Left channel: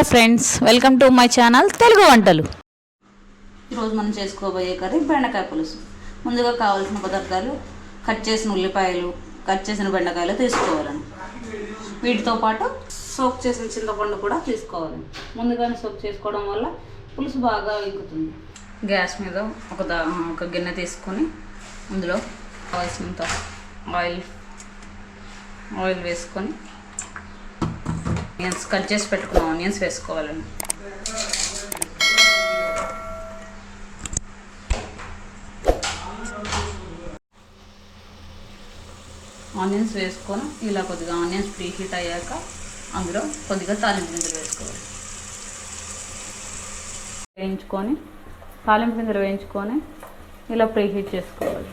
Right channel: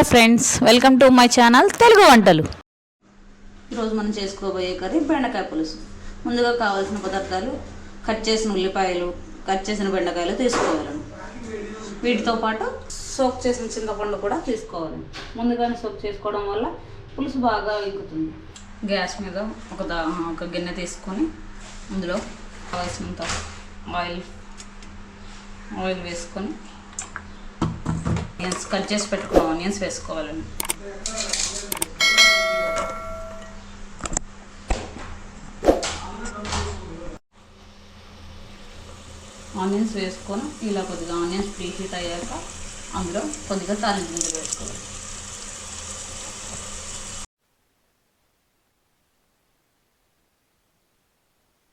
Hello friends, welcome to my channel Telugu వంటలు. ఈరోజు మనం చేసుకోబోయే కర్రీ బెండకాయ పులుసు. ముందుగా కావాల్సిన పదార్థాలు కట్ చేసిన ఉల్లిపాయలు, కట్ చేసిన బెండకాయలు తీసుకోవాలని, వీటితో పాటు సోక్ చేసిన చింతపండు కూడా తీసుకోవాలని. ముందుగానే సోక్ చేసుకోవడం వల్ల పులుసు బాగా ఎక్కుతుంది. గ్యాస్ మీద ఒక గిన్నె తీసుకొని అందులో కావాల్సినంత ఆయిల్ వేసుకొని ఆనియన్స్ కట్ చేసి పెట్టుకున్న ఆనియన్స్ వేసుకోవాలండి. ఆనియన్స్ వేసుకొని ఇలా కొద్దిగా ఆనియన్స్ ప్రీ హీట్ అయ్యాక అందులో కొద్దిగా తాలింపు గింజలు వేసుకోవాలి. తాలింపు గింజలు వేయించుకొని ఇలా ప్రీ హీట్ చేసుకోవాలి.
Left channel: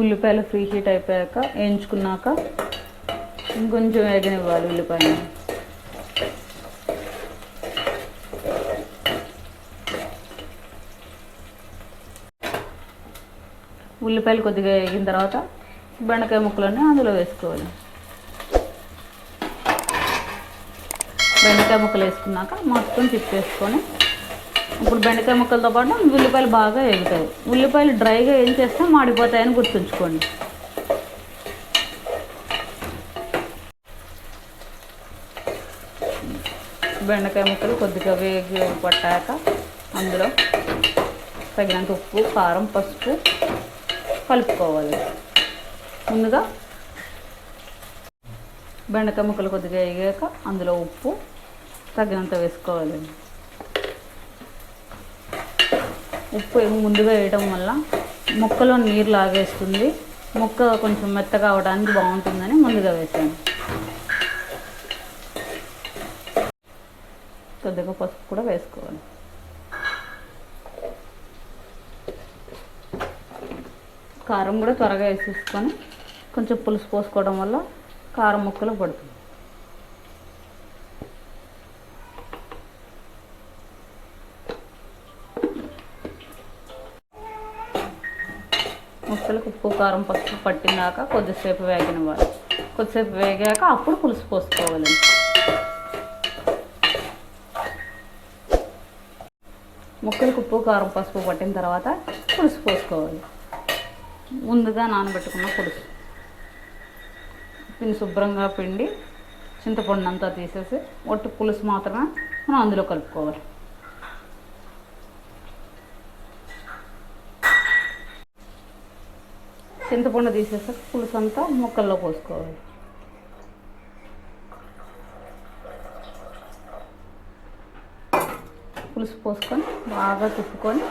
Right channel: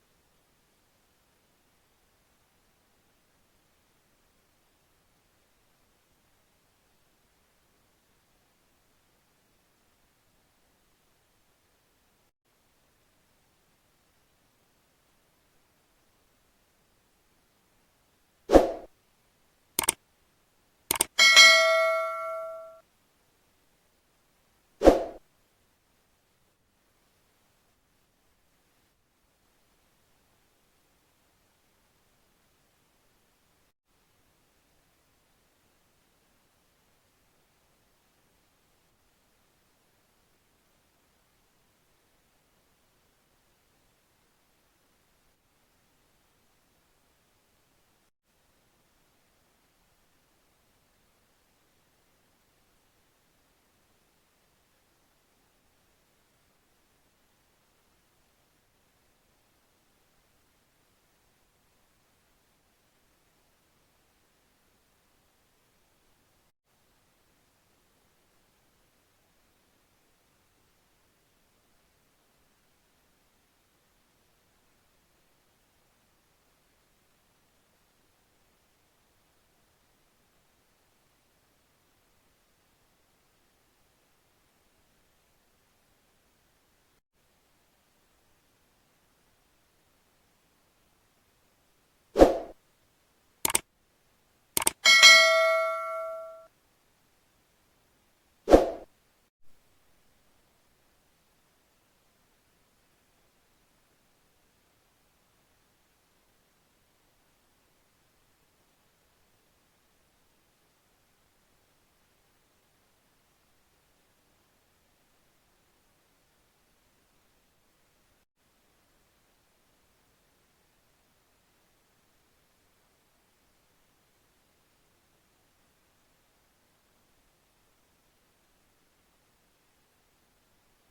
ఉల్లిపాయలు ఫ్రీ హీట్ అయిపోయాక వేయించుకున్నాక ఇంకొంచెం వేగనివ్వాలి. ఉల్లిపాయలు కొద్దిగా వేగిన తర్వాత బెండకాయ ముక్కలన్నీ అందులో వేసుకోవాలి. బెండకాయ ముక్కలు వేసుకున్నాక మొత్తం తిప్పేసుకొని ఇప్పుడు బెండకాయ ముక్కలతో పాటు ఉల్లిపాయలు బాగా వేగుతాయి. ఉల్లిపాయలు డ్రైగా ఏం చేస్తే మాడిపోతాయని గుర్తుంచుకోండి. బెండకాయ ముక్కలు కొద్దిగా వేగి పట్టాక అందులో తగినంత ఉప్పు, కారం, పసుపు కలుపుకోవాలి. ముందుగా బెండకాయ ముక్కలు కొద్దిగా వేగాక అందులో ఉప్పు తగినంత వేసుకోవాలి. ఉప్పు ముందుగా వేయడం వల్ల ముక్కలో నీరు లాగేస్తుంది, ముక్క కొంచెం మెత్తగా అవడానికి బాగుంటుందని ముందుగా వేసాను. కొద్దిగా పసుపు కూడా వేసుకోవాలి. కారం కూడా త్వరగా వేసేసుకొని కొంచెం పులుసు పోసుకోవడం వల్ల కారం ముక్కలు పడుతుంది. ముక్కలకు ఉప్పు, కారం, పసుపు పట్టినాక కొద్దిసేపు వేగనివ్వాలి. కొద్దిసేపు వేగాక అప్పుడు పులుసు పోసుకోవాలి. ముక్కలకు ఉప్పు, కారం, పసుపు పట్టిన తర్వాత పులుసు పోసుకోవాలి. ముందుగా నానబెట్టుకున్న పులుసు దీన్ని శుభ్రంగా పిండి చింతపండు అంతా తీసేసి ఒట్టి పులుసు మాత్రమే మనం అందులో కలుపుకోవాలి. చింతపండు తీసేసి పులుసు అంతా ముక్కల్లో పోసుకోవాలి. పులుసు పోసుకొని బాగా తిప్పుకొని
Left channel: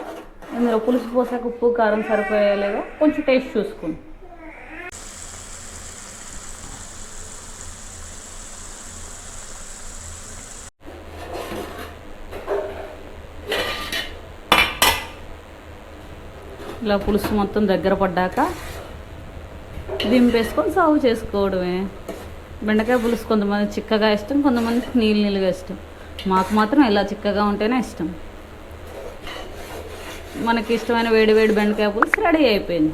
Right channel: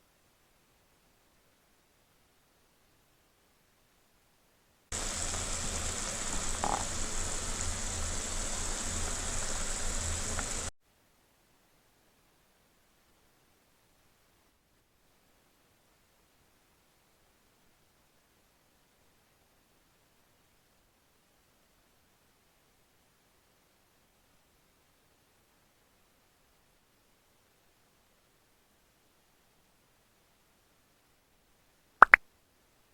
ఇందులో పులుసు పోసాక ఉప్పు, కారం సరిపోయేలాగా కొంచెం టేస్ట్ చూసుకోండి. ఇలా పులుసు మొత్తం దగ్గర పడ్డాక దింపేసుకొని సర్వ్ చేసుకోవడమే. బెండకాయ పులుసు కొంతమంది చిక్కగా ఇష్టం, కొంతమందికి నీళ్ళగా ఇష్టం. మాకు మాత్రం ఇలా చిక్కగా ఉంటేనే ఇష్టం. మనకి ఇష్టమైన వేడి వేడి బెండకాయ పులుసు రెడీ అయిపోయింది.